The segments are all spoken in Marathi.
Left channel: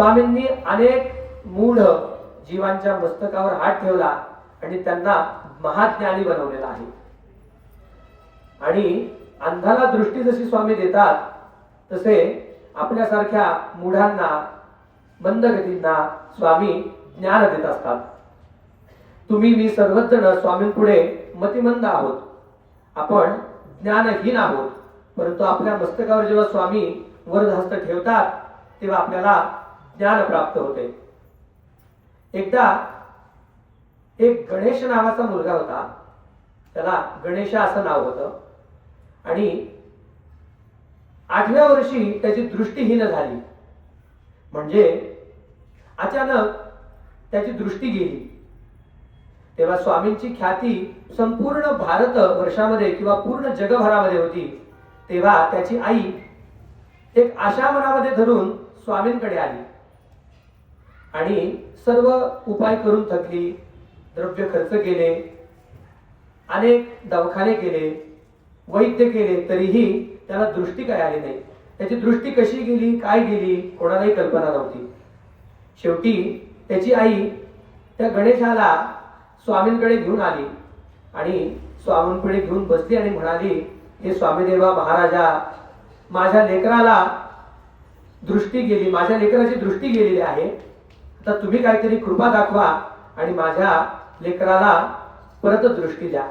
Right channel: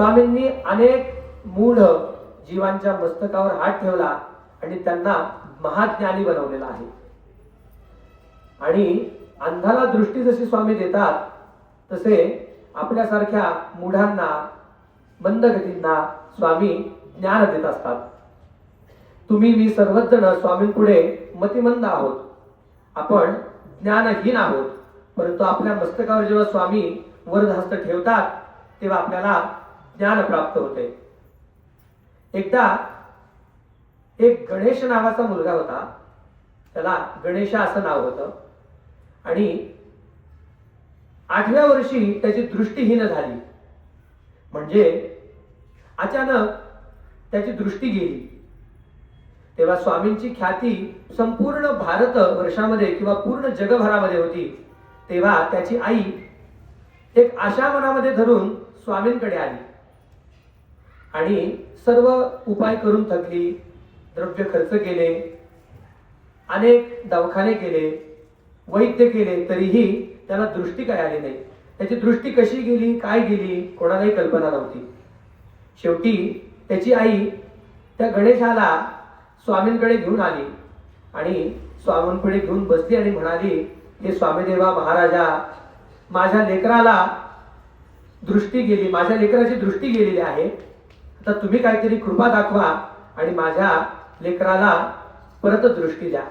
स्वामींनी अनेक मूढ जीवांच्या मस्तकावर हात ठेवला आणि त्यांना महाज्ञानी बनवलेला आहे. आणि अंधाला दृष्टी जशी स्वामी देतात तसे आपल्यासारख्या मूढांना मंदगतींना स्वामी ज्ञान देत असतात. तुम्ही मी सर्वच जण स्वामींपुढे मतिमंद आहोत, आपण ज्ञानहीन आहोत. परंतु आपल्या मस्तकावर जेव्हा स्वामी वरदहस्त ठेवतात तेव्हा आपल्याला ज्ञान प्राप्त होते. एकदा एक गणेश नावाचा मुलगा होता, त्याला गणेशा असं नाव होतं. आणि 8व्या वर्षी त्याची दृष्टीहीन झाली. म्हणजे अचानक त्याची दृष्टी गेली. तेव्हा स्वामींची ख्याती संपूर्ण भारत वर्षामध्ये किंवा पूर्ण जगभरामध्ये होती. तेव्हा त्याची आई एक आशा मनामध्ये धरून स्वामींकडे आली आणि सर्व उपाय करून थकली, द्रव्य खर्च केले, अनेक दवाखाने केले, वैद्य केले, तरीही त्याला दृष्टी काय आली नाही. त्याची दृष्टी कशी गेली, काय गेली, कोणालाही कल्पना नव्हती. शेवटी त्याची आई त्या गणेशाला स्वामींकडे घेऊन आली आणि स्वामींकडे घेऊन बसली आणि म्हणाली, हे स्वामीदेवा महाराजा, माझ्या लेकराला दृष्टी गेली, माझ्या लेकराची दृष्टी गेलेली आहे. आता तुम्ही काहीतरी कृपा दाखवा आणि माझ्या लेकराला परत दृष्टी द्या.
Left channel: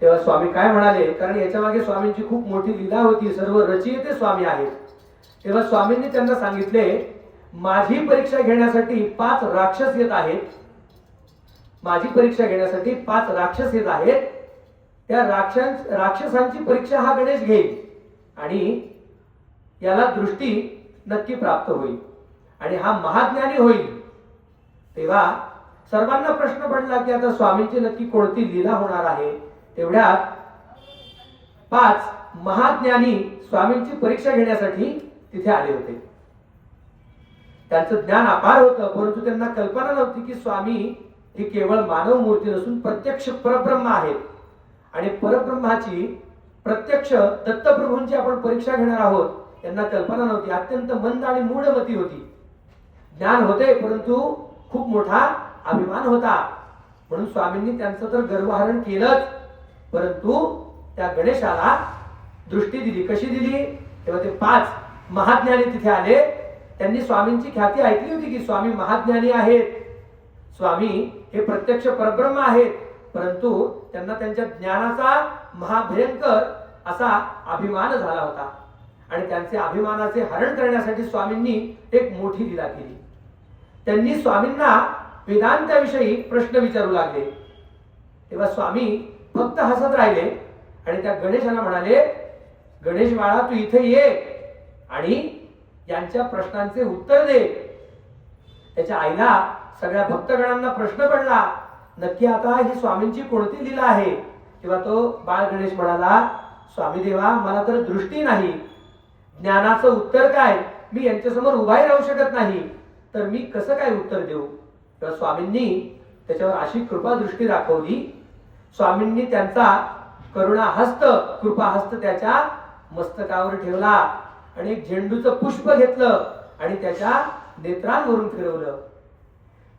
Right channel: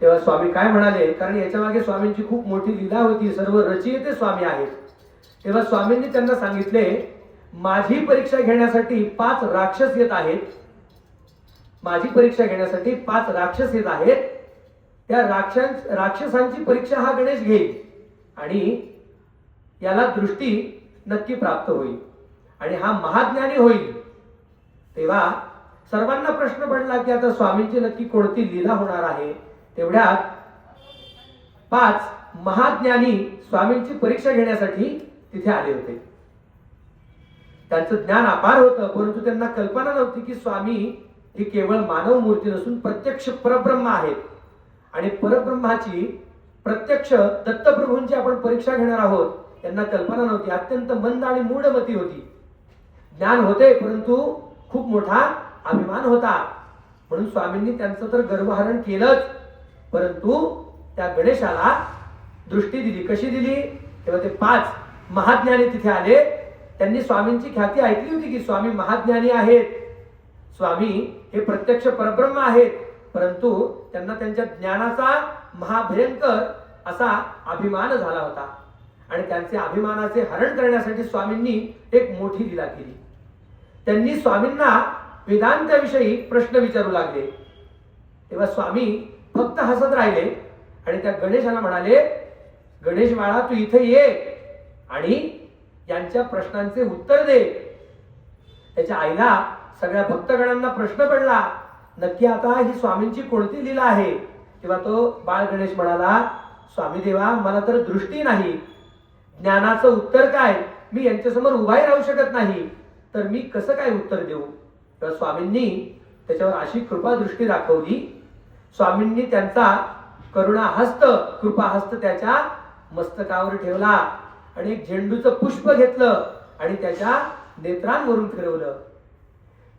तेव्हा स्वामी काय म्हणाले, कारण याच्या मागे स्वामींची खूप मोठी लीला होती, सर्व रचयिते स्वामी आहेत. तेव्हा स्वामींनी त्यांना सांगितले, माझी परीक्षा घेण्यासाठी 5 राक्षस येत आहेत. माझी परीक्षा घेण्यासाठी 5 राक्षस येत आहेत. त्या राक्षसांची परीक्षा हा गणेश घेईल आणि याला दृष्टी नक्की प्राप्त होईल आणि हा महाज्ञानी होईल. तेव्हा सर्वांना प्रश्न पडला की आता स्वामींची नक्की कोणती लीला होणार आहे. तेवढ्यात 5 महाज्ञानी स्वामींची परीक्षा घेण्यासाठी तिथे आले होते. त्यांचं ज्ञान अपार होतं, परंतु त्यांना कल्पना नव्हती की स्वामी ही केवळ मानव मूर्ती नसून प्रत्यक्ष परब्रह्म आहेत. आणि परब्रह्माची प्रत्यक्ष दत्तप्रभूंची आपण परीक्षा घेणार आहोत, त्यांना कल्पना नव्हती. अत्यंत मंद आणि मूढमती होती. ज्ञान होते परंतु खूप मोठा अभिमान होता. म्हणून स्वामींनी त्यांचं तर गर्वहरण केलंच, परंतु त्या गणेशाला दृष्टी दिली. कशी दिली, तेव्हा ते 5 महाज्ञानी तिथे आले. त्यांनी स्वामींची ख्याती ऐकली होती की स्वामी महाज्ञानी आहेत, स्वामी हे प्रत्यक्ष परब्रह्म आहेत, परंतु त्यांना त्यांच्या ज्ञानाचा महाभयंकर असा अभिमान झाला होता. आणि त्यांचे अभिमानाचे हरण करण्यासाठी स्वामींनी एक मोठी लीला केली. त्यांनी स्वामींना वेदांताविषयी प्रश्न विचारू लागले. तेव्हा स्वामी फक्त हसत राहिले आणि त्या गणेशाला म्हणाले, गणेश बाळा, तू इथे ये आणि यांच्या प्रश्नांचे उत्तर दे. त्याच्या आईला सगळ्या भक्तगणांना प्रश्न पडला, नक्की आता ही स्वामींची कोणती लीला आहे. तेव्हा तो बाळ गणेश म्हणाला, स्वामी देवा, मला तर दृष्टी नाही, ज्ञानाचं उत्तर काय, मी यांच्यासमोर उभाही राहू शकत नाही, तर मी कसं काय उत्तर देऊ. तर स्वामींनी त्याच्यावर अशी कृपा दृष्टी दाखवली. स्वामींनी त्यांचा करुणा हस्त, कृपा हस्त त्याच्या मस्तकावर ठेवला आणि एक झेंडूचं पुष्प घेतलं आणि त्याच्या नेत्रांवरून फिरवलं.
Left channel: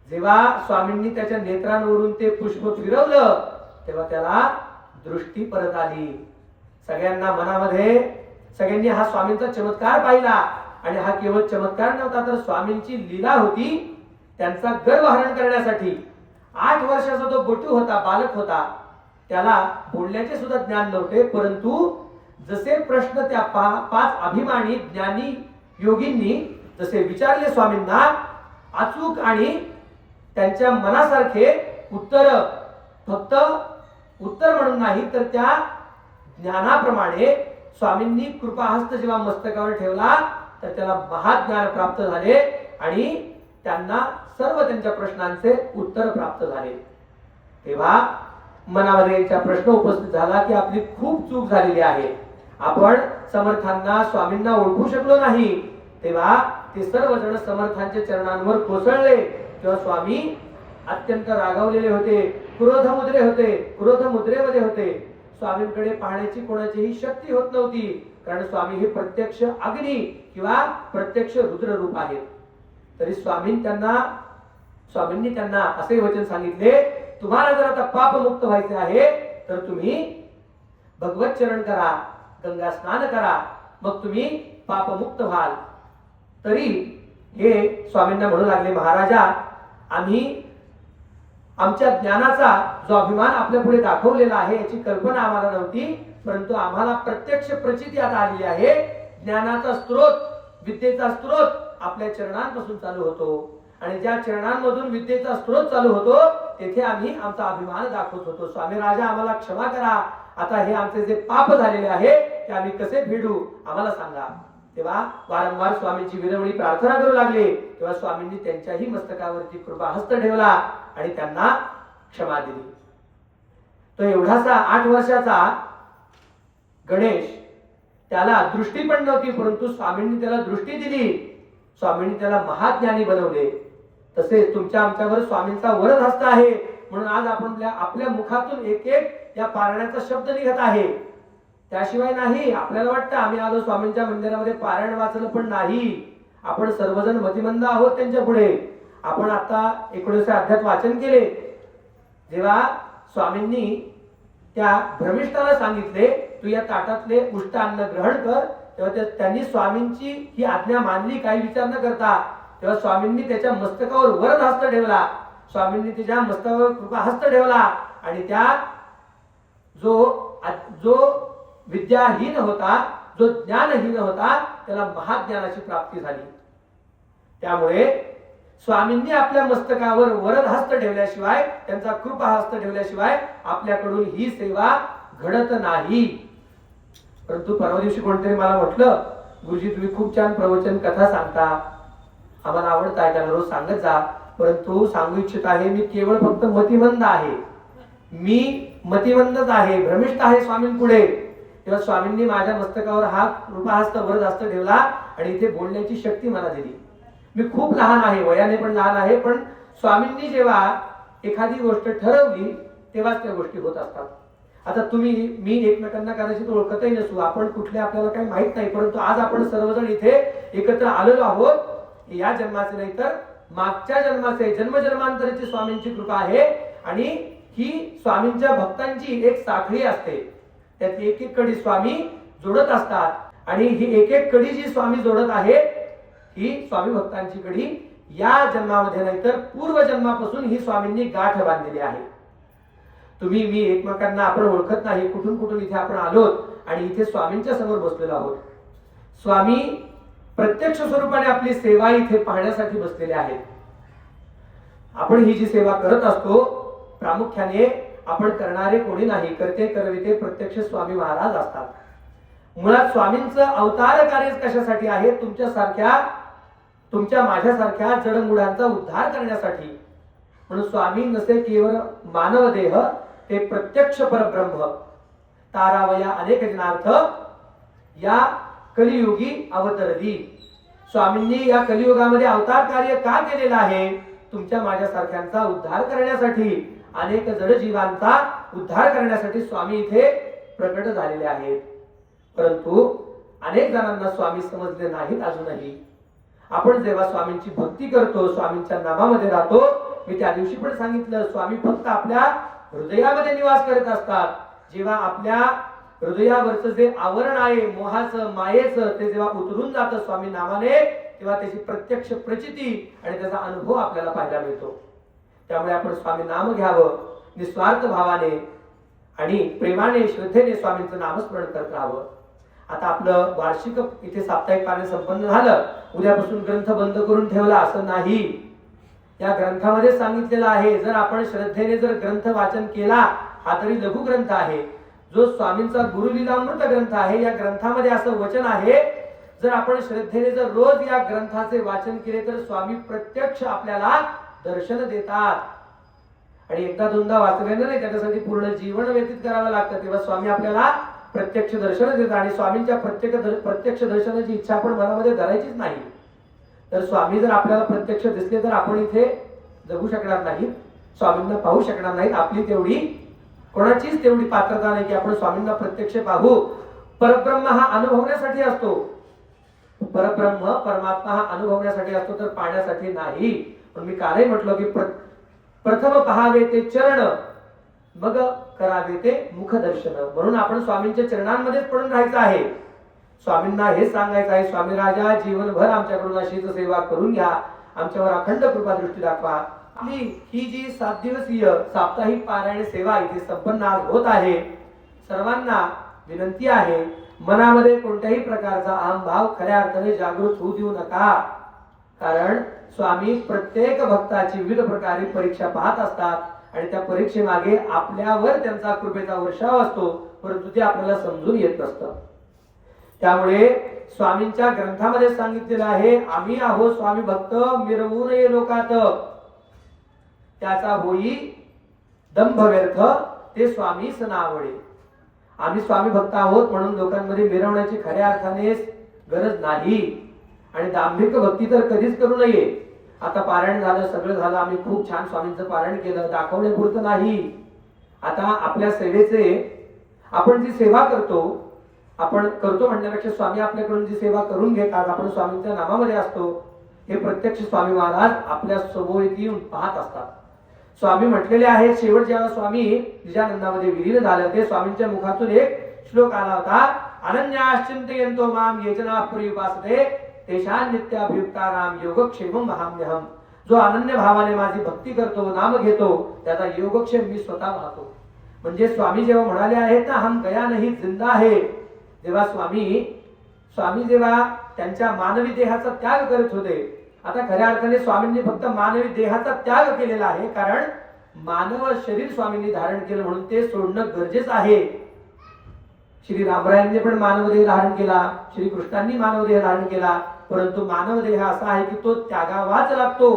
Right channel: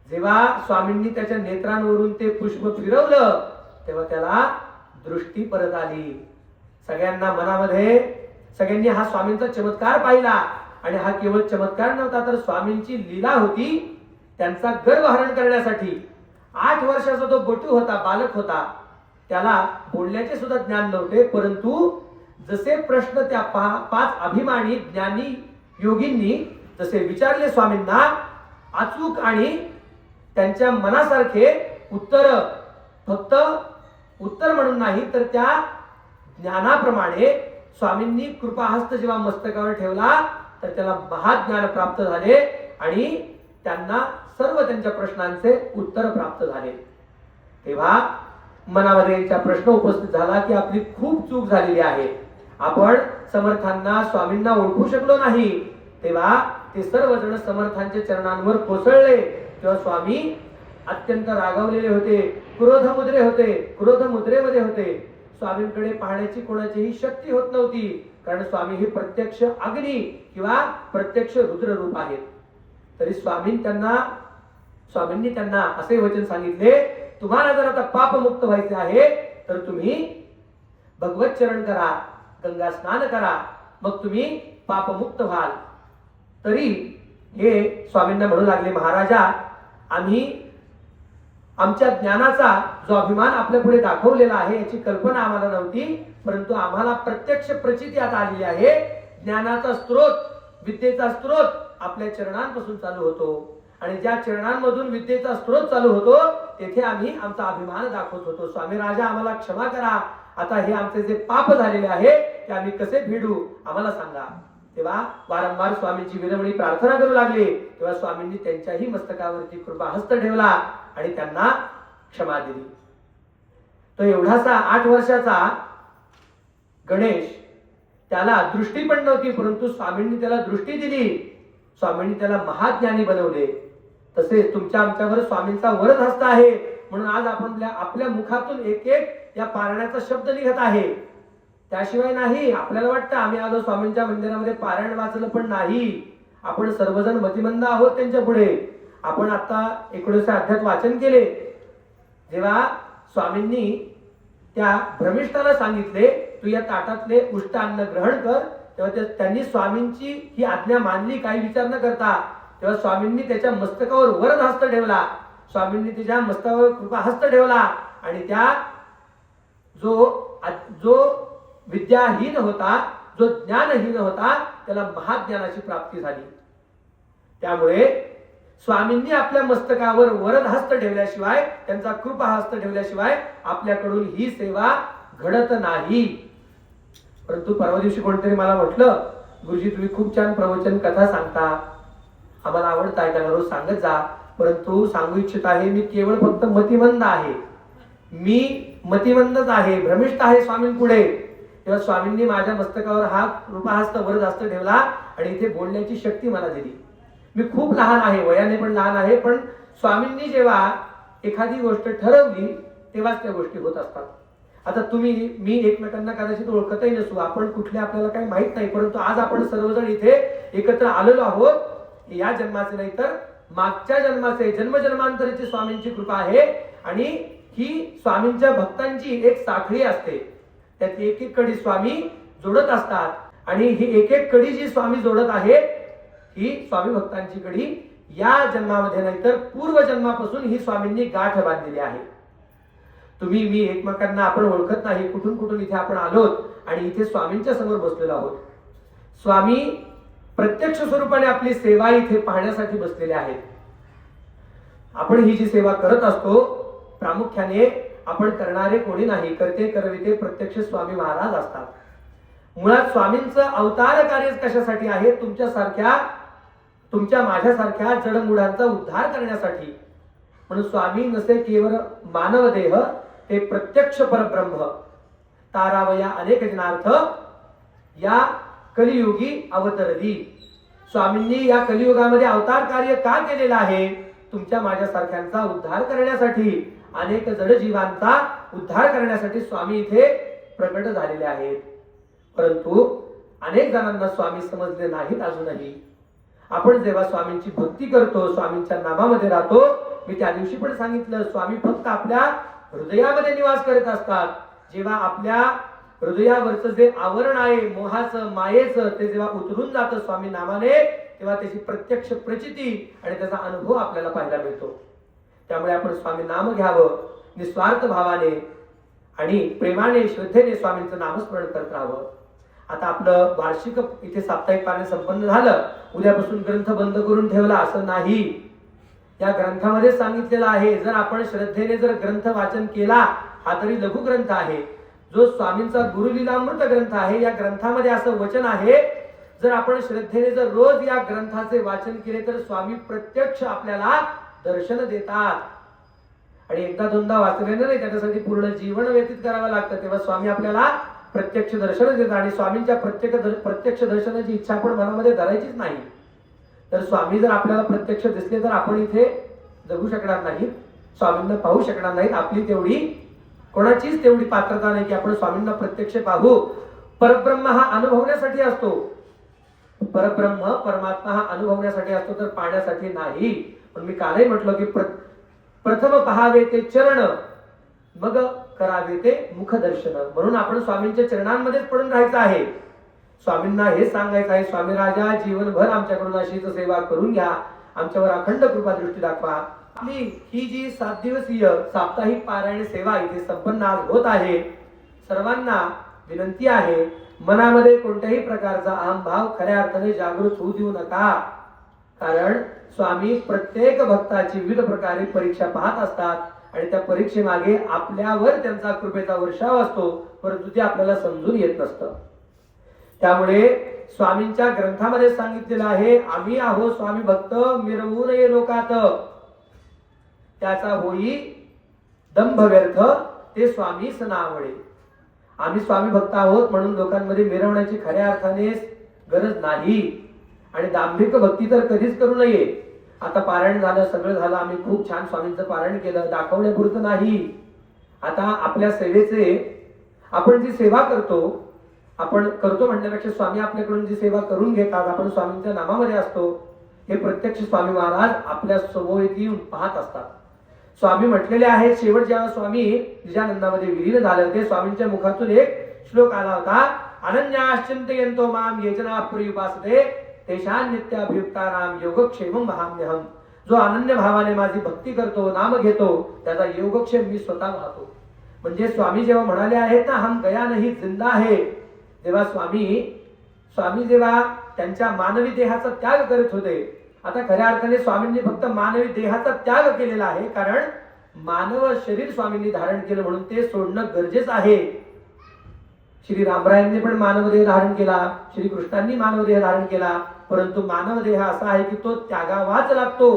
जेव्हा स्वामींनी त्याच्या नेत्रांवरून ते पुष्प फिरवलं तेव्हा त्याला दृष्टी परत आली. सगळ्यांना मनामध्ये सगळ्यांनी हा स्वामींचा चमत्कार पाहिला. आणि हा केवळ चमत्कार नव्हता, तर स्वामींची लीला होती. त्यांचा गर्वहरण करण्यासाठी 8 वर्षाचा तो बटू होता, बालक होता, त्याला बोलण्याचे सुद्धा ज्ञान नव्हते, परंतु जसे प्रश्न त्या 5 अभिमानी ज्ञानी योगींनी जसे विचारले स्वामींना, अचूक आणि त्यांच्या मनासारखे उत्तर, फक्त उत्तर म्हणून नाही तर त्या ज्ञानाप्रमाणे स्वामींनी कृपाहस्त जेव्हा मस्तकावर ठेवला तर त्याला महाज्ञान प्राप्त झाले आणि त्यांना सर्व त्यांच्या प्रश्नांचे उत्तर प्राप्त झाले. तेव्हा मनामध्ये प्रश्न उपस्थित झाला की आपली खूप चूक झालेली आहे, आपण समर्थांना स्वामींना ओळखू शकलो नाही. तेव्हा ते सर्वजण समर्थांच्या चरणांवर कोसळले. तेव्हा स्वामी अत्यंत रागावलेले होते, क्रोध मुद्रेमध्ये होते. स्वामींकडे पाहण्याची कोणाचीही शक्ती होत नव्हती, कारण स्वामी हे प्रत्यक्ष अग्नी किंवा प्रत्यक्ष रुद्र रूप आहेत. तरी स्वामींनी त्यांना असे वचन सांगितले, तुम्हाला जर आता पापमुक्त व्हायचे आहे तर तुम्ही भगवत चरण करा, गंगा स्नान करा, मग तुम्ही पापमुक्त व्हाल. तरी हे स्वामींना म्हणू लागले, महाराजा आम्ही आमच्या ज्ञानाचा जो अभिमान आपल्या पुढे दाखवलेला आहे याची कल्पना आम्हाला नव्हती, परंतु आम्हाला प्रत्यक्ष प्रचिती आता आलेली आहे. ज्ञानाचा स्रोत, विद्येचा स्रोत आपल्या चरणांपासून चालू होतो आणि ज्या चरणांमधून विद्येचा स्रोत चालू होतो तेथे आम्ही आमचा अभिमान दाखवत होतो. स्वामी राजा आम्हाला क्षमा करा, आता हे आमचे जे पाप झालेले आहे ते आम्ही कसे फेडू आम्हाला सांगा. तेव्हा वारंवार स्वामींची विनवणी प्रार्थना करू लागले. तेव्हा स्वामींनी त्यांच्याही मस्तकावरती कृपाहस्त ठेवला आणि त्यांना क्षमा दिली. तो एवढासा 8 वर्षाचा गणेश, त्याला दृष्टी पण नव्हती, परंतु स्वामींनी त्याला दृष्टी दिली, स्वामींनी त्याला महाज्ञानी बनवले. तसेच तुमच्या आमच्यावर स्वामींचा वरद हस्त आहे, म्हणून आज आपण आपल्या मुखातून एक एक या पारायणाचा शब्द निघत आहे. त्याशिवाय नाही, आपल्याला वाटतं आम्ही आलो स्वामींच्या मंदिरामध्ये पारायण वाचलं, पण नाही. आपण सर्वजण मतिमंद आहोत त्यांच्या पुढे. आपण आता 19 अध्यात वाचन केले. जेव्हा स्वामींनी त्या भ्रमिष्ठाला सांगितले तू या ताटातले उष्ट अन्न ग्रहण कर, तेव्हा त्यांनी स्वामींची ही आज्ञा मानली, काही विचार न करता. तेव्हा स्वामींनी त्याच्या मस्तकावर वरद हस्त ठेवला, स्वामींनी त्याच्या मस्तकावर कृपा हस्त ठेवला आणि त्या जो विद्याहीन होता, जो ज्ञानहीन होता, त्याला महाज्ञानाची प्राप्ती झाली. त्यामुळे स्वामींनी आपल्या मस्तकावर वरद हस्त ठेवल्याशिवाय, त्यांचा कृपा हस्त ठेवल्याशिवाय आपल्याकडून ही सेवा घडत नाही. परंतु परवा दिवशी कोणतरी मला म्हटलं, गुरुजी तुम्ही खूप छान प्रवचन कथा सांगता, आम्हाला आवडतं ऐकायला, रोज सांगत जा. परंतु सांगू इच्छित आहे, मी केवळ फक्त मतिमंद आहे, मी मतिमंदच आहे, भ्रमिष्ठ आहे स्वामींपुढे. तेव्हा स्वामींनी माझ्या मस्तकावर हा कृपाहस्त वरद हस्त ठेवला आणि इथे बोलण्याची शक्ती मला दिली. मी खूप लहान आहे, वयाने पण लहान आहे, पण स्वामींनी जेव्हा एखादी गोष्ट ठरवली तेव्हाच त्या गोष्टी होत असतात. आता तुम्ही मी एकमेकांना कदाचित ओळखतही नसू, आपण कुठले आपल्याला काही माहित नाही, परंतु आज आपण सर्वजण इथे एकत्र आलेलो आहोत. या जन्माचे नाही तर मागच्या जन्माचे, जन्मजन्मांतराची स्वामींची कृपा आहे. आणि ही स्वामींच्या भक्तांची एक साखळी असते, त्यात एक एक कडी स्वामी जोडत असतात आणि ही एक एक कडी जी स्वामी जोडत आहेत ही स्वामी भक्तांची कडी या जन्मामध्ये नाही तर पूर्व जन्मापासून ही स्वामींनी गाठ बांधलेली आहे. तुम्ही मी एकमेकांना आपण ओळखत नाही, कुठून कुठून इथे आपण आलोत आणि इथे स्वामींच्या समोर बसलेलो आहोत. स्वामी प्रत्यक्ष स्वरूपाने आपली सेवा इथे पाहण्यासाठी बसलेले आहेत. आपण ही जी सेवा करत असतो प्रामुख्याने आपण करणारे कोणी नाही, करते करविते प्रत्यक्ष स्वामी महाराज असतात. मुळात स्वामींचं अवतार कार्य कशासाठी आहे? तुमच्या माझ्यासारख्या जडमुडांचा उद्धार करण्यासाठी. म्हणून स्वामी नसे केवळ मानव देह, ते प्रत्यक्ष परब्रह्म तारावया अनेक जनार्थ या कलियुगी अवतरली. स्वामींनी या कलियुगामध्ये अवतार कार्य का केलेलं आहे? तुमच्या माझ्यासारख्यांचा उद्धार करण्यासाठी, अनेक जड जीवांचा उद्धार करण्यासाठी स्वामी इथे प्रकट झालेले आहेत. परंतु अनेक जणांना स्वामी समजले नाहीत अजूनही. आपण जेव्हा स्वामींची भक्ती करतो, स्वामींच्या नामामध्ये राहतो, मी त्या दिवशी पण सांगितलं, स्वामी फक्त आपल्या हृदयामध्ये निवास करत असतात. जेव्हा आपल्या हृदयावरचं जे आवरण आहे मोहाचं, मायेचं, ते जेव्हा उतरून जातं स्वामी नामाने, तेव्हा त्याची प्रत्यक्ष प्रचिती आणि त्याचा अनुभव आपल्याला पाहायला मिळतो. त्यामुळे आपण स्वामी नाम घ्यावं, निस्वार्थ भावाने आणि प्रेमाने श्रद्धेने स्वामींचं नामस्मरण करत राहावं. आता आपलं वार्षिक इथे साप्ताहिक पारायण संपन्न झालं, उद्यापासून ग्रंथ बंद करून ठेवला असं नाही. या ग्रंथामध्ये सांगितलेलं आहे, जर आपण श्रद्धेने जर ग्रंथ वाचन केला, हा तरी लघु ग्रंथ आहे, जो स्वामींचा गुरुलीलामृत ग्रंथ आहे, या ग्रंथामध्ये असं वचन आहे, जर आपण श्रद्धेने जर रोज या ग्रंथाचे वाचन केले तर स्वामी प्रत्यक्ष आपल्याला दर्शन देतात. आणि एकदा दोनदा वाचलेलं नाही, त्याच्यासाठी पूर्ण जीवन व्यतीत करावं लागतं, तेव्हा स्वामी आपल्याला प्रत्यक्ष दर्शन देतात. आणि स्वामींच्या प्रत्यक्ष दर्शनाची इच्छा आपण मनामध्ये धरायचीच नाही. तर स्वामी जर आपल्याला प्रत्यक्ष दिसले तर आपण इथे जगू शकणार नाही, स्वामींना पाहू शकणार नाही. आपली तेवढी कोणाचीच तेवढी पात्रता नाही की आपण स्वामींना प्रत्यक्ष पाहू. परब्रह्म हा अनुभवण्यासाठी असतो. परब्रह्म परमात्मा हा अनुभवण्यासाठी असतो तर पाहण्यासाठी नाही. पण मी कालही म्हटलं की प्रथम पहावे ते चरण, मग करावे ते मुखदर्शन. म्हणून आपण स्वामींच्या चरणांमध्येच पडून राहायचं आहे. स्वामींना हे सांगायचं आहे, स्वामी राजा जीवनभर आमच्याकडून अशीच सेवा करून घ्या, आमच्यावर अखंड कृपा दृष्टी दाखवा. आपली ही जी 7 दिवसीय साप्ताहिक पारायण सेवा इथे संपन्न आज होत आहे. सर्वांना विनंती आहे, मनामध्ये कोणत्याही प्रकारचा अहंभाव खऱ्या अर्थाने जागृत होऊ देऊ नका. कारण स्वामी प्रत्येक भक्ताची विविध प्रकारे परीक्षा पाहत असतात आणि त्या परीक्षेमागे आपल्यावर त्यांचा कृपेचा वर्षाव असतो, परंतु ते आपल्याला समजून येत नसतं. त्यामुळे स्वामींच्या ग्रंथामध्ये सांगितलेलं आहे, आम्ही आहो स्वामी भक्त मिरवू नये लोकात, त्याचा होई दंभ व्यर्थ ते स्वामीस नावडे. आम्ही स्वामी भक्त आहोत म्हणून लोकांमध्ये मिरवण्याची खऱ्या अर्थाने गरज नाही. आणि दांभिक भक्ती तर कधीच करू नये. आता पारायण झालं, सगळं झालं, आम्ही खूप छान स्वामींचं पारायण केलं, दाखवण्यापुरतं नाही. आता आपल्या सेवेचे आपण जी सेवा करतो, आपण करतो म्हणण्यापेक्षा स्वामी आपल्याकडून जी सेवा करून घेतात, आपण स्वामींच्या नामामध्ये असतो, हे प्रत्यक्ष स्वामी महाराज आपल्या सभोवती येऊन पाहत असतात. स्वामी म्हटलेले आहेत, शेवट जेव्हा स्वामी निजानंदामध्ये विलीन झालं ते स्वामींच्या मुखातून एक श्लोक आला होता, अनन्याश्चिंतयन्तो माम ये जना पर्युपासते तेषां नित्याभियुक्तानां योगक्षेमं महाम्यहम्. जो अनन्य भावाने माझी भक्ती करतो, नाम घेतो, त्याचा योगक्षेम मी स्वतः पाहतो. म्हणजे स्वामी जेव्हा म्हणाले आहेत ना, हम गया नहीं जिंदा है, जेव्हा स्वामी जेव्हा त्यांच्या मानवी देहाचा त्याग करत होते, आता खऱ्या अर्थाने स्वामींनी फक्त मानवी देहाचा त्याग केलेला आहे. कारण मानव शरीर स्वामींनी धारण केलं म्हणून ते सोडणं गरजेचं आहे. श्री रामरायांनी पण मानव देह धारण केला, श्री कृष्णांनी मानव देह धारण केला, परंतु मानव देह असा आहे की तो त्यागावाच लागतो.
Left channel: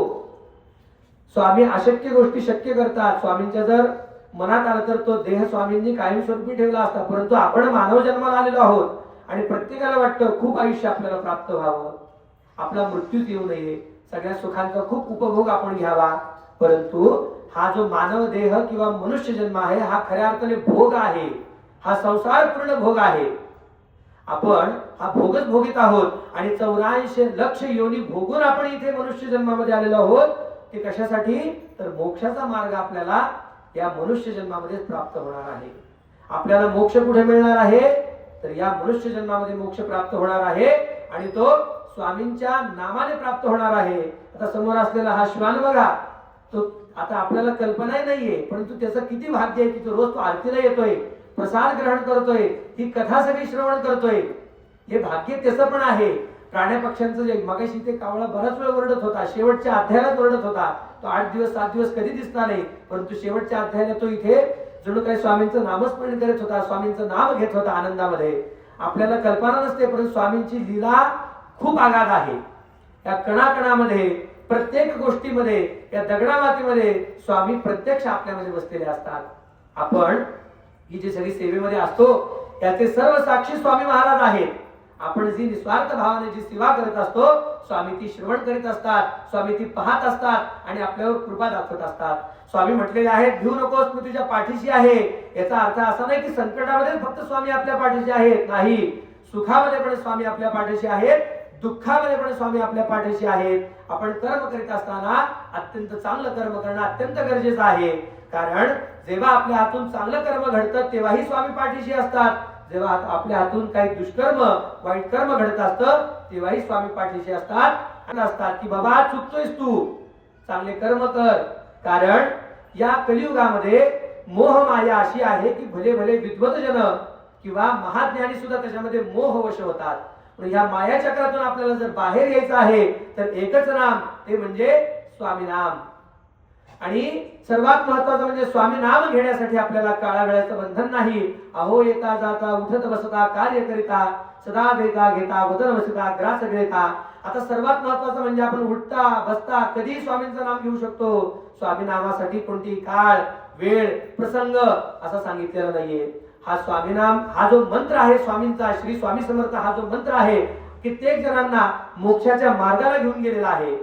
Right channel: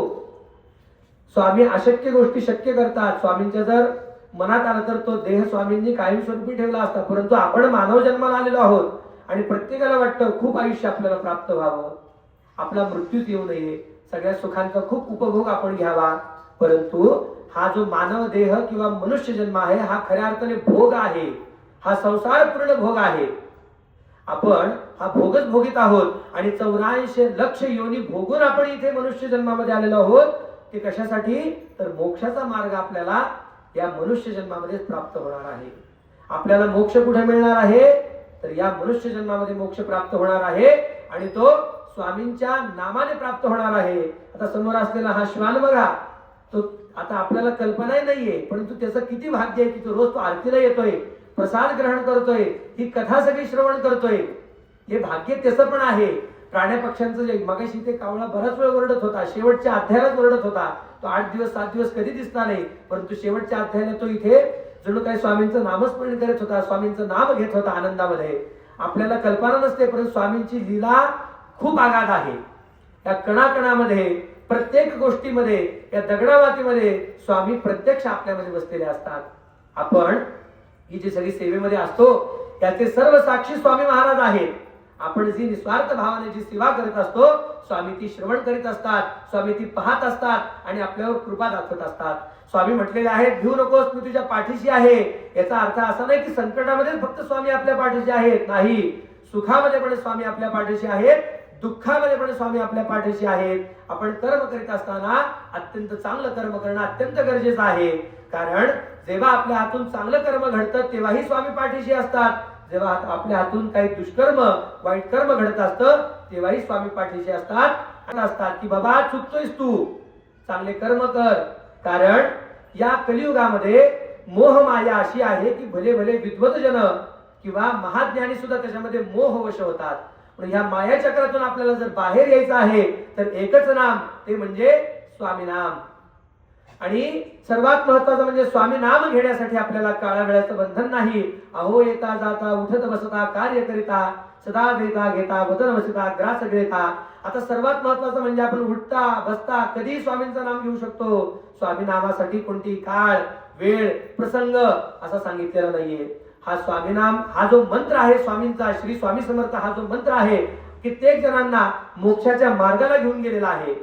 स्वामी अशक्य गोष्टी शक्य करतात. स्वामींच्या जर मनात आलं तर तो देह स्वामींनी कायमस्वरूपी ठेवला असता, परंतु आपण मानव जन्माला आलेलो आहोत आणि प्रत्येकाला वाटतं खूप आयुष्य आपल्याला प्राप्त व्हावं, आपला मृत्यूच येऊ नये, सगळ्या सुखांचा खूप उपभोग आपण घ्यावा. परंतु हा जो मानव देह किंवा मनुष्य जन्म आहे हा खऱ्या अर्थाने भोग आहे, हा संसार पूर्ण भोग आहे. आपण हा भोगच भोगीत आहोत आणि 84 लक्ष योनी भोगून आपण इथे मनुष्य जन्मामध्ये आलेलो आहोत. ते कशासाठी? तर मोक्षाचा मार्ग आपल्याला या मनुष्य जन्मामध्येच प्राप्त होणार आहे. आपल्याला मोक्ष कुठे मिळणार आहे? तर या मनुष्य जन्मामध्ये मोक्ष प्राप्त होणार आहे आणि तो स्वामींच्या नामाने प्राप्त होणार आहे. आता समोर असलेला हा श्वान बघा, तो आता आपल्याला कल्पनाही नाहीये, परंतु त्याचं किती भाग्य आहे की तो रोज तो आरतीला येतोय, प्रसाद ग्रहण करतोय, ही कथा सगळी श्रवण करतोय. हे भाग्य त्याचं पण आहे. प्राण्या पक्ष्यांचं जे मगाशी ते कावळा बराच वेळ ओरडत होता, शेवटच्या अध्यायात ओरडत होता, तो 8 दिवस 7 दिवस कधी दिसला नाही, परंतु शेवटच्या अध्यायाला तो इथे जणू काही स्वामींचं नामस्मरण करत होता, स्वामींचं नाम घेत होता आनंदामध्ये. आपल्याला कल्पना नसते, परंतु स्वामींची लीला खूप आगाध आहे. या कणाकणामध्ये, प्रत्येक गोष्टीमध्ये, या दगडामातीमध्ये स्वामी प्रत्यक्ष आपल्यामध्ये बसलेले असतात. आपण ही जी सगळी सेवेमध्ये असतो त्याचे सर्व साक्षी स्वामी महाराज आहेत. आपण जी निस्वार्थ भावाने जी सेवा करत असतो, स्वामी ती श्रवण करीत असतात, स्वामी ती पाहत असतात आणि आपल्यावर कृपा दाखवत असतात. स्वामी म्हटलेले आहेत, भिऊ नकोस, मी तुझ्या पाठीशी आहे. याचा अर्थ असा नाही की संकटामध्ये फक्त स्वामी आपल्या पाठीशी आहेत, नाही, सुखामध्ये पण स्वामी आपल्या पाठीशी आहेत, दुःखामध्ये पण स्वामी आपल्या पाठीशी आहेत. आपण कर्म करीत असताना अत्यंत चांगलं कर्म करणं अत्यंत गरजेचं आहे. कारण जेव्हा आपल्या हातून चांगलं कर्म घडतं तेव्हाही स्वामी पाठीशी असतात. जेव्हा आपल्या हातून काही दुष्कर्म, वाईट कर्म घडत असतं तेव्हाही स्वामी पाठीशी असतात की बाबा चुकतोयस तू, चांगले कर्म कर. कारण या कलियुगामध्ये मोह माया अशी आहे की भले भले विद्वतजन किंवा महाज्ञानी सुद्धा त्याच्यामध्ये मोहवश होतात. पण ह्या माया चक्रातून आपल्याला जर बाहेर यायचं आहे तर एकच नाम, ते म्हणजे स्वामी नाम. आणि सर्वात महत्वाचं म्हणजे स्वामी नाम घेण्यासाठी आपल्याला काळा वेळाचं बंधन नाही. अहो येता जाता उठत बसता कार्य करिता सदा देता घेता वदन वसिता ग्रास घेता. आता सर्वात महत्वाचं म्हणजे आपण उठता बसता कधी स्वामींचं नाम घेऊ शकतो. स्वामी नामासाठी कोणती काळ, वेळ, प्रसंग असं सांगितलेलं नाहीये. हा स्वामी नाम, हा जो मंत्र आहे स्वामींचा, श्री स्वामी समर्थ हा जो मंत्र आहे, कित्येक जणांना मोक्षाच्या मार्गाला घेऊन गेलेला आहे.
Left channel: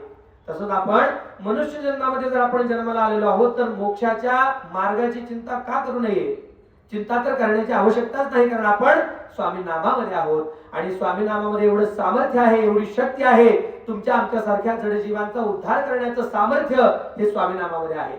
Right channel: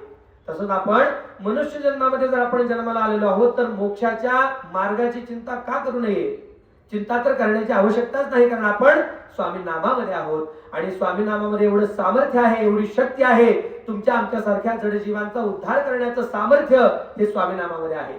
तसंच आपण मनुष्य जन्मामध्ये जर आपण जन्माला आलेलो आहोत तर मोक्षाच्या मार्गाची चिंता का करू नये. चिंता तर करण्याची आवश्यकताच नाही, कारण आपण स्वामी नामामध्ये आहोत आणि स्वामी नामामध्ये एवढं सामर्थ्य आहे, एवढी शक्ती आहे, तुमच्या आमच्यासारख्या जडजीवांचा उद्धार करण्याचं सामर्थ्य हे स्वामी नामामध्ये आहे.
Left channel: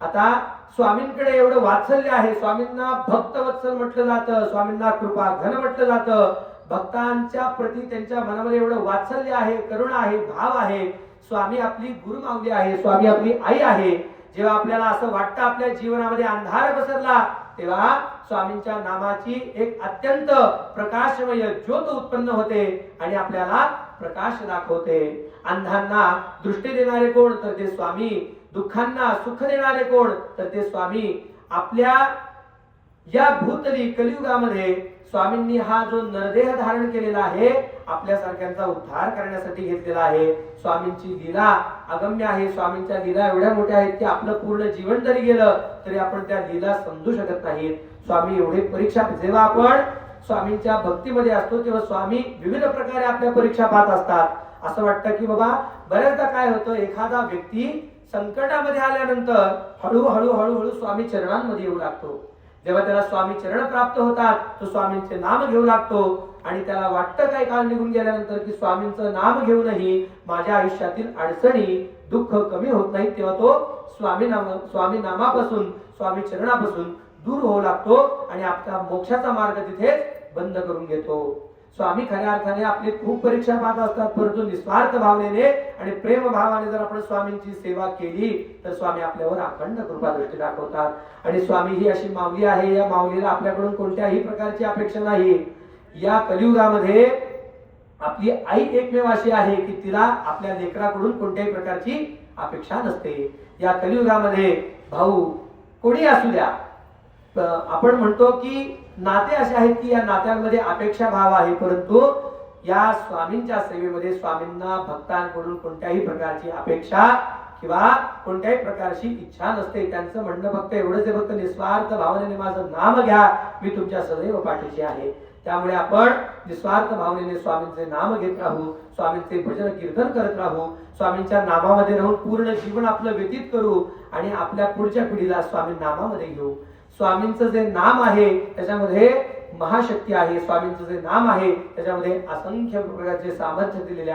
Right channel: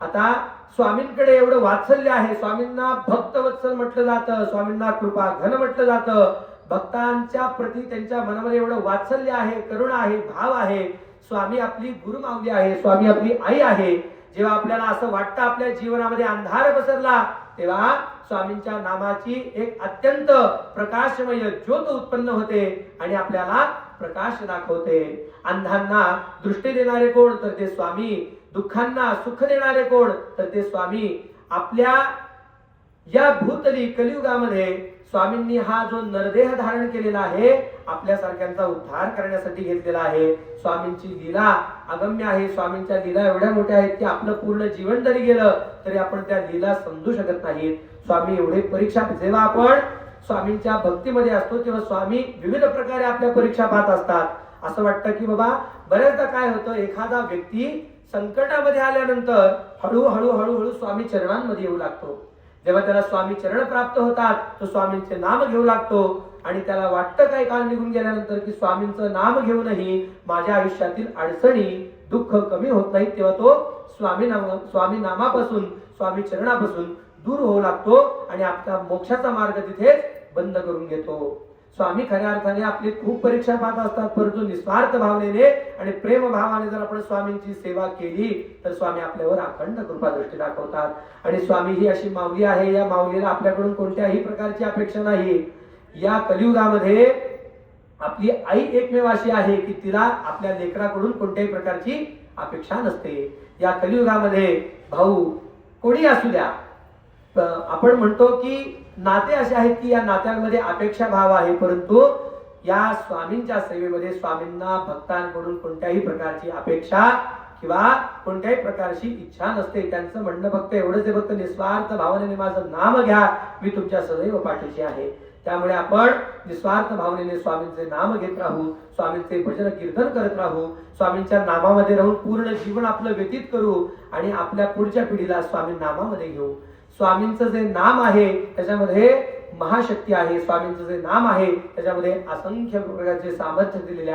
आता स्वामींकडे एवढं वात्सल्य आहे, स्वामींना भक्तवत्सल म्हटलं जातं, स्वामींना कृपा घन म्हटलं जातं. भक्तांच्या प्रती त्यांच्या मनामध्ये एवढं वात्सल्य आहे, करुणा आहे, भाव आहे. स्वामी आपली गुरुमाऊली आहे, स्वामी आपली आई आहे. जेव्हा आपल्याला असं वाटतं आपल्या जीवनामध्ये अंधार पसरला, तेव्हा स्वामींच्या नामाची एक अत्यंत प्रकाशमय ज्योत उत्पन्न होते आणि आपल्याला प्रकाश दाखवते. अंधांना दृष्टी देणारे कोण, तर ते स्वामी. दुःखांना सुख देणारे कोण, तर ते स्वामी. आपल्या या भूतली कलियुगामध्ये स्वामींनी हा जो नरदेह धारण केलेला आहे, आपल्यासारख्यांचा उद्धार करण्यासाठी घेतलेला आहे. स्वामींची लीला अगम्य आहे. स्वामींच्या लीला एवढ्या मोठ्या आहेत की आपलं पूर्ण जीवन जरी गेलं तरी आपण त्या लीला समजू शकत नाहीत. स्वामी एवढे परीक्षा, जेव्हा आपण स्वामींच्या भक्तीमध्ये असतो तेव्हा स्वामी विविध प्रकारे आपल्या परीक्षा पाहत असतात. असं वाटतं की बाबा बऱ्याचदा काय होतं, एखादा व्यक्ती संकटामध्ये आल्यानंतर हळूहळू स्वामी चरणांमध्ये येऊ लागतो. जेव्हा त्याला स्वामी चरण प्राप्त होतात, तो स्वामींचे नाम घेऊ लागतो आणि त्याला वाटतं काही काळ निघून गेल्यानंतर की स्वामींचं नाम घेऊनही माझ्या आयुष्यातील अडचणी दुःख कमी होत नाहीत. तेव्हा तो स्वामी नामापासून, स्वामी चरणापासून दूर होऊ लागतो आणि आपला मोक्षाचा मार्ग तिथेच बंद करून घेतो. स्वामी खऱ्या अर्थाने आपली खूप परीक्षा पाहत असतात, परंतु निस्वार्थ भावनेने आणि प्रेम भावाने जर आपण स्वामींची सेवा केली तर स्वामी आपल्यावर अखंड कृपा दृष्टी दाखवतात. आणि स्वामी ही अशी माऊली आहे, या माऊलीला आपल्याकडून कोणत्याही प्रकारची अपेक्षा नाही. या कलियुगामध्ये आपली आई एकमेव अशी आहे की तिला आपल्या लेकराकडून कोणत्याही प्रकारची अपेक्षा नसते. या कलियुगामध्ये भाऊ कोणी असू द्या, आपण म्हणतो की नाते असे आहेत की या नात्यांमध्ये अपेक्षा भाव आहे, परंतु या स्वामींच्या सेवेमध्ये स्वामींना भक्तांकडून कोणत्याही प्रकारची अपेक्षा किंवा कोणत्याही प्रकारची इच्छा नसते. त्यांचं म्हणणं फक्त एवढंच आहे, फक्त निस्वार्थ भावनेने माझं नाम घ्या, मी तुमच्या सदैव पाठीशी आहे. त्यामुळे आपण निस्वार्थ भावनेने स्वामींचे नाम घेत राहू, स्वामींचे भजन कीर्तन करत राहू, स्वामींच्या नामामध्ये राहून पूर्ण जीवन आपलं व्यतीत करू आणि आपल्या पुढच्या पिढीला स्वामी नामामध्ये घेऊ. स्वामींचं जे नाम आहे त्याच्यामध्ये महाशक्ती आहे. स्वामींचं जे नाम आहे त्याच्यामध्ये असंख्य प्रकारचे सामर्थ्य दिलेले आहे.